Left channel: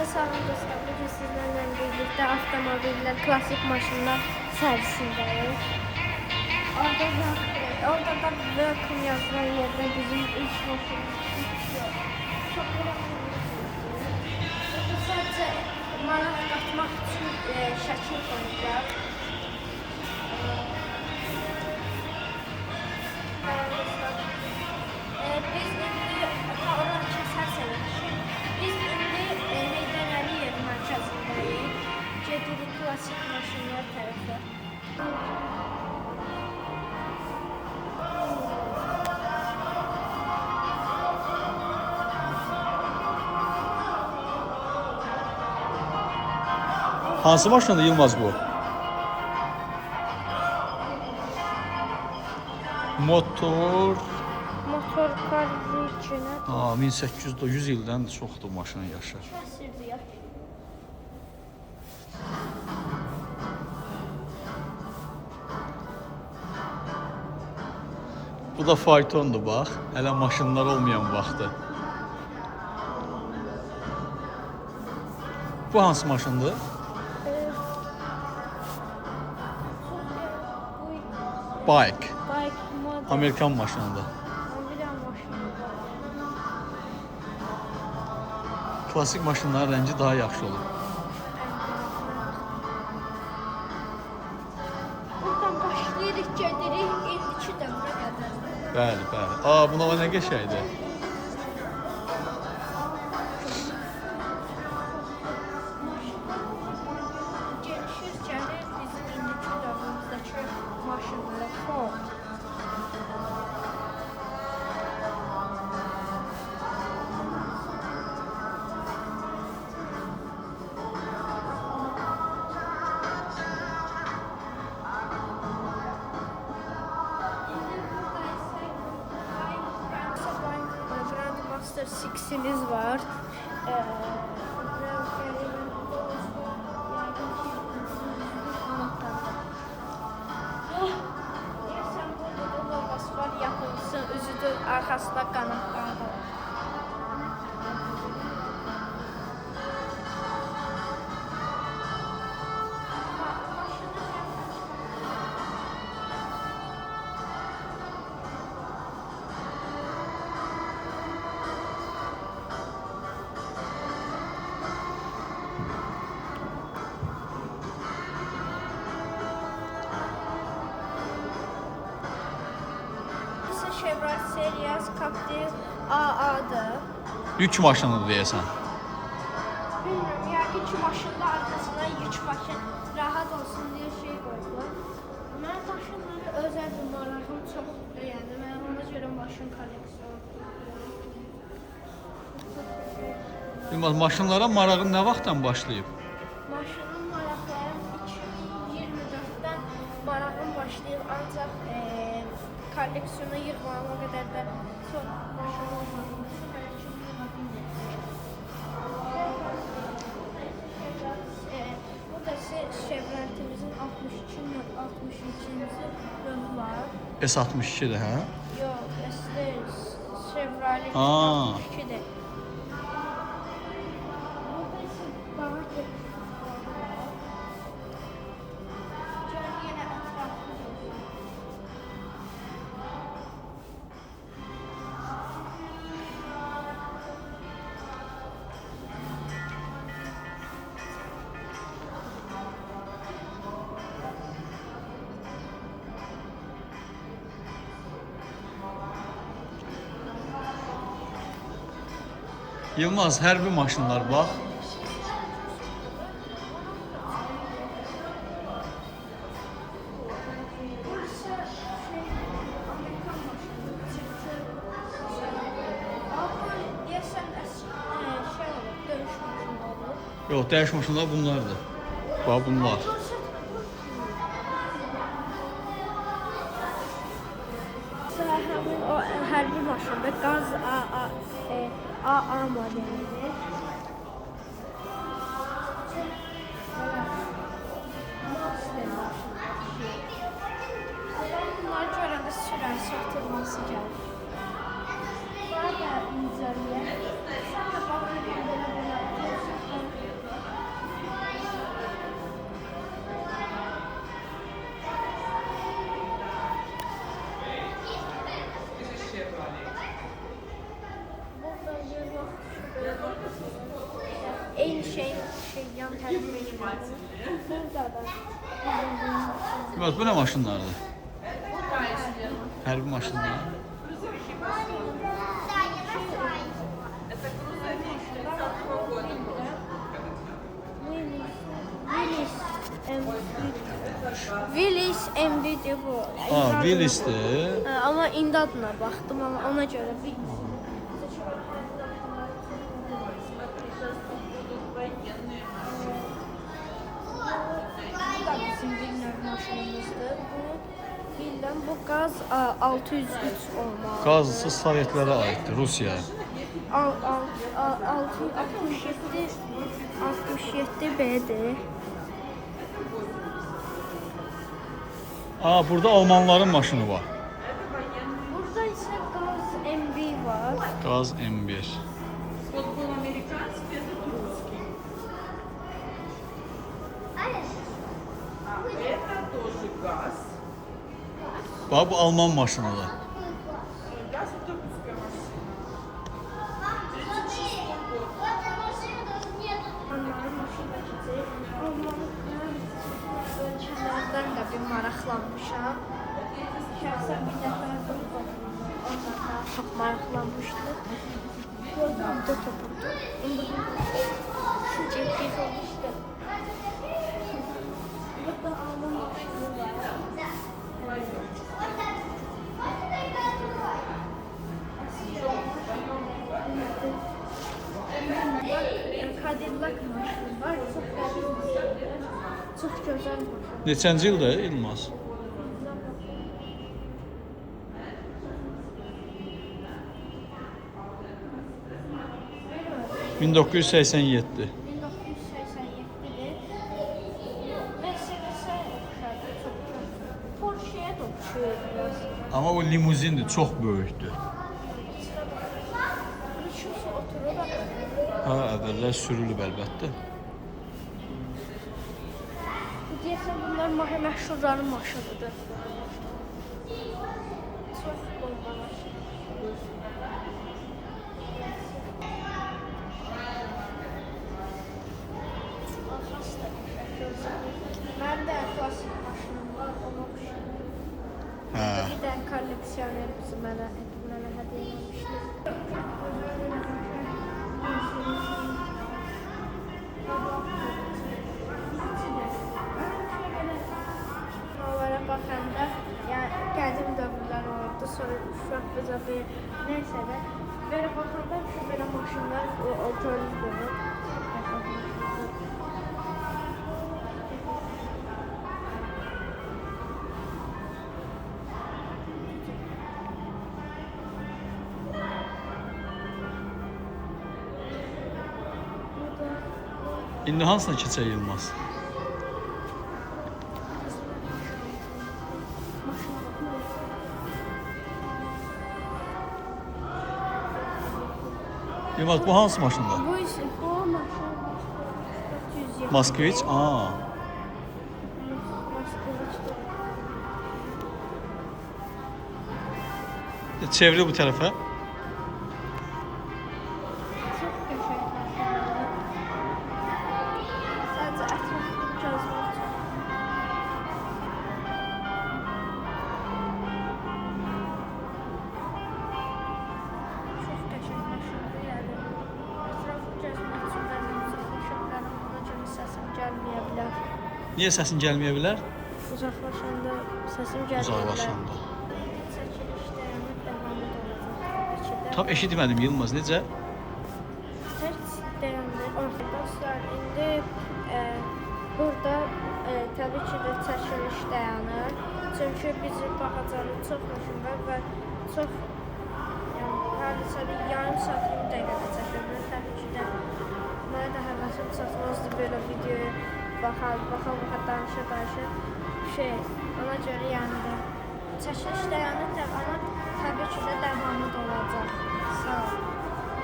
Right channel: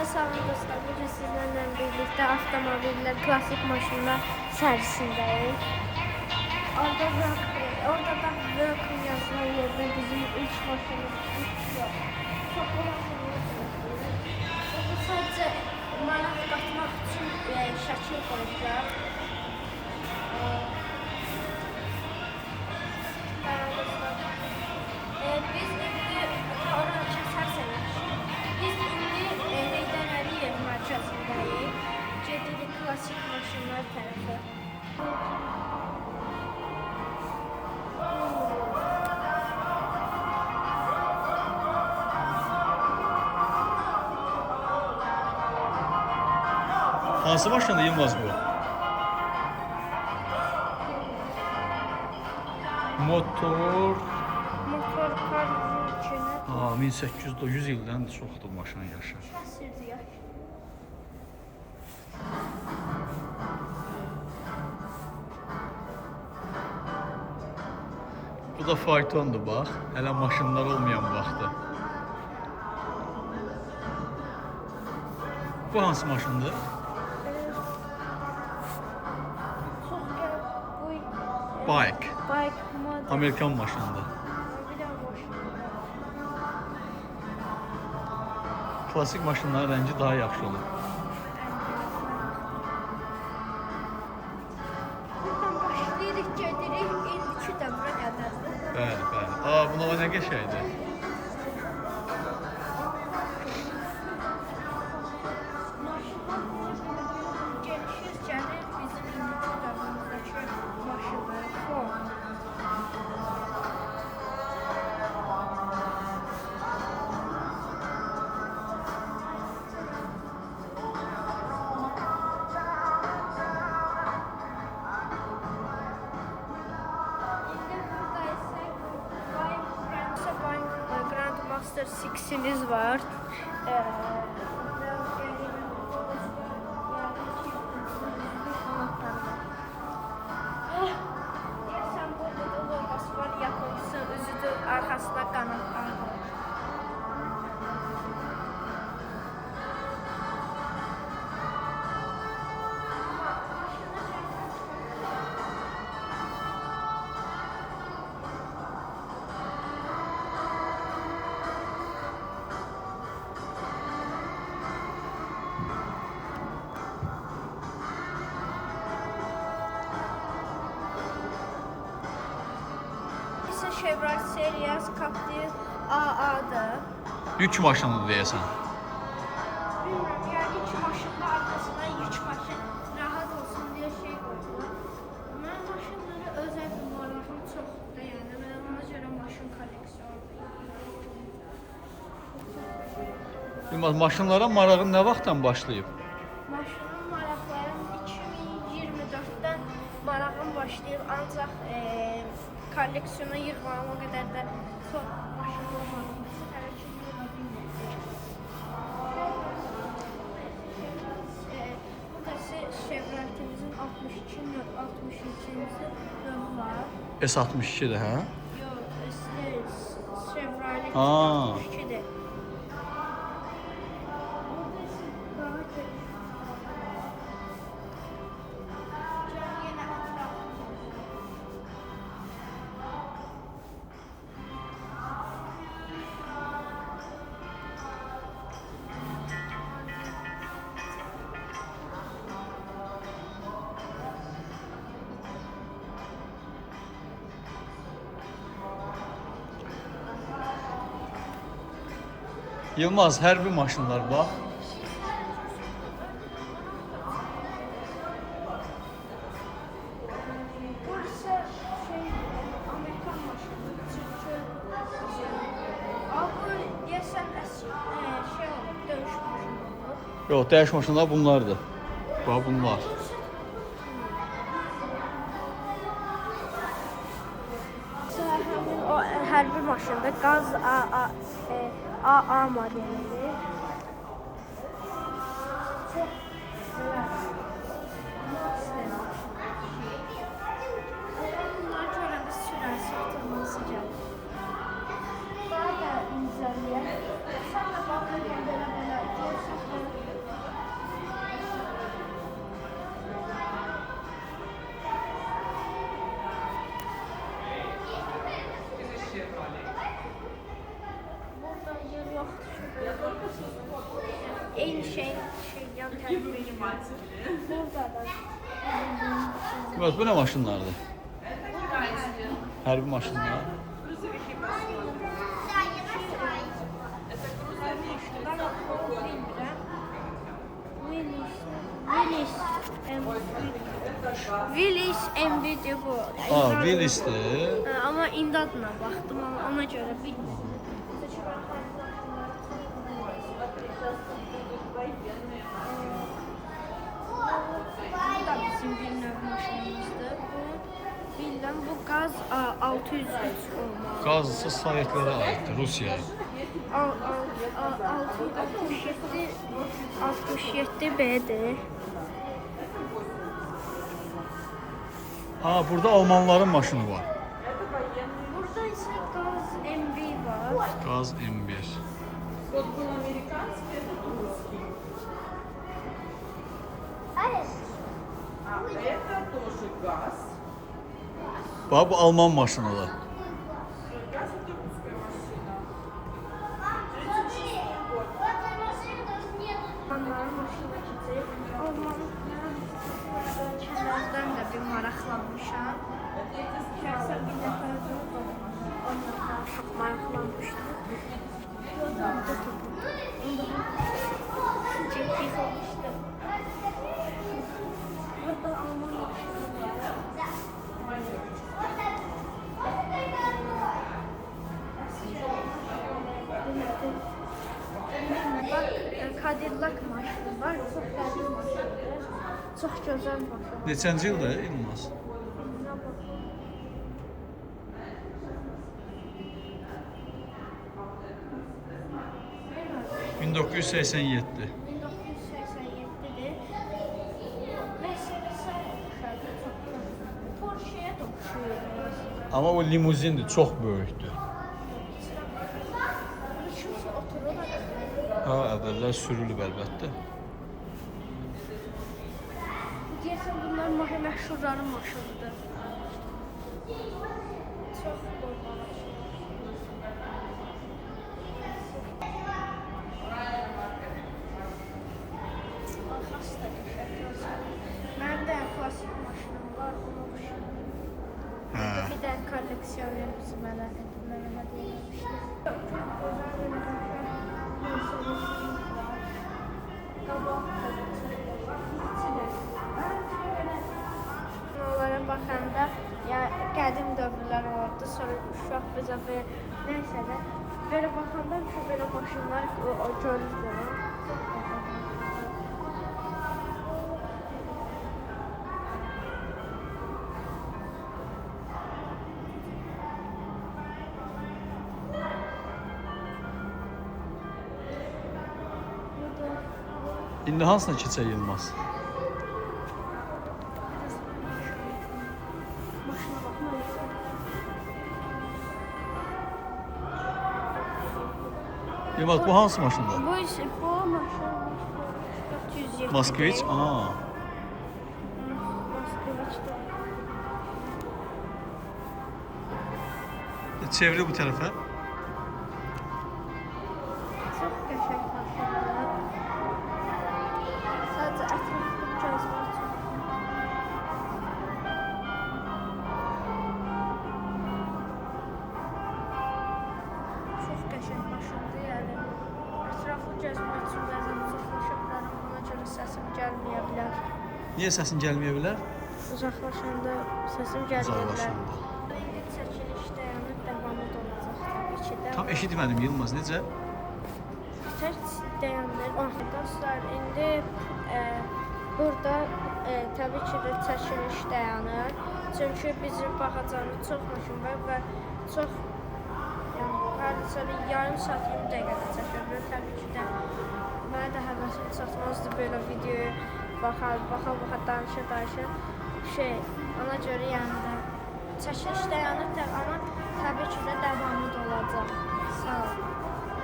Salam dostlar, bugün sizlerle birlikte avtomobiller, klasik maşınlar servisindəyiz. Orada da Welcome yazılan yerde bizim ilk maşınımız yok. Çok önemli. Bu sadece maraq qatmaq için şəkil qoydular. Biz indi oranı kəsərsək, biz indi Heydər Əliyev mərkəzindəyik. Gedirik klasik maşınlar tərəfə. Hansı maşındır Yılmaz bu? Motor. Motor qarın içinə. 1800 ildən çoxdur maşının yaşı. Kəsirdi yaş. Bu da faytondur bax. Hələ maşınlar olmayan vaxtı. Bu hansı maşındır? Bike. Model. Amerikan maşınıdır. Klasik maşınların rəngi daha yaxşı olur. Buradan başlayırıq, gedirik 52 dövrə qədər. Bəli, bəli. Buna o nə qəşəngdir. Gelişir, gəlir bizim 52 dövrümüzdəki maşınlar. Grandmaster 6'imiz var. Sen burada da logos var, yapılsın, üzüdür, arkasında qanatları. Chevrolet Sirius Captiv AA'dır. Yük maşınıdır deyəsən. Bilmiyorum, yəqin ki maşının arkasına yük paket rahat olsun diye şey koydular. Mən maşınları özel bir marağım çox beğendim. Mən ona görə maşın kolleksiyonu. Yılmaz, maşınlara marağın nə vaxtdan başlayıb? Maşının maraqlarım 2024'ten marağım başlayıb, ancaq kolleksiyona yığmama qədər də çox maşın olmadığım üçün hələ ki yığa bilmirəm. Bu da Chevroletimizin 62-63-cü növü var. S62'dir, hə? Yox, Chevrolet Aa. 62'dir. Burada isə daha geniş var. Yenə ətraflı. Yılmaz, hərbi maşınlar bax. Yox, dəyiş maşınlar bunlardır. Bax, bunlar. Həmin o hərbi maşında qaz AA modelidir. Bunları görəndə sürəsi atılması gəlir. Daha da incəliyək. Sən də baxın, belə Eyni şeyin yan tərəfində. Burada da. Deməli, bu nə maşınlardır? Hərbi maşınlar. Willis MB'dir bu. Willis'dir. Ama indi adına baxdım, ama ona görə bilmirəm. Bu da bizim Villeneuve maşınımızdır. Bu Gaz 603 olmalı. Qazısı Sovetlərə aiddir, Rusiyaya. 67 B'dir. Burada Almanların maşını var. Burada ise Gaz MB var. Gaz M1. Bax, bu Alman maşınıdır. Almanların maşınıdır. Almanın kənardan da bir maraqlanmışam. Şəxsən bir dəfə onlarla çox maraqlanmışdım. Yoldan da toplumdu. Ciddi olmuşdu. Burada Alman maşını var. Cadillac maşını var. Çox qədim maşındır. Çox gözəl maşın. Neçənci ildə Yılmaz? Buna 1987. 1987'dir. Mercedes'e çok Porsche'ye de uçuyor biraz. Amma o limuzindir, çox böyükdür. Şurası oturur bak. Əvvəllər sürülüb əlbəttə. Bu deyəsən bunlar məşhurların maşınıdır. Çox Mənim də klasik maşınım var, ona oxşayır. Bir də kolleksiyoner bizi mənə hədiyyə etmişdi. Onlara baxanda qədim dövrlər oldu, sonra uşaq bizə nəysə də belə baxanda belə maşınlar görürdüm. İndi hansına keçək Yılmaz? Maşına baxmaq. Yılmaz, bu hansı maşındır? Bu maşın 407. Moskviç? Moskviçdir. Çevir bu tərəfə. Çox qəşəng maşındır. Sadəcə ətraflı gəzmək üçün. Çox qəşəng maşındır, yəni ətraflı gəzmək üçün bəzən uzaqlaşanların ona görə səsim gəlməyə bilər. Niyə səsin gəlməyə bilər? Uzaqlaşanda səsim gəlməyə bilər. Uzaqlaşanda. İndi çəkilişdə yəni davamı da olacaq təbii ki də. Tam eşitmədim Yılmaz, necə? Tək dayandır. Dostlar, indi burada təbii ki də çəkiliş dayanır. Çünki bizim baxacağımız çox maşın var və çox yəni hardasa yarım saat 20 dəqiqədə çəkilir. Təbii ki də mənə də həvəsim çatmazdı belə videoya baxa danışa. Ona görə yəni də çəkiliş dayanır, amma təbii ki də davamı da olacaq. Sağ ol.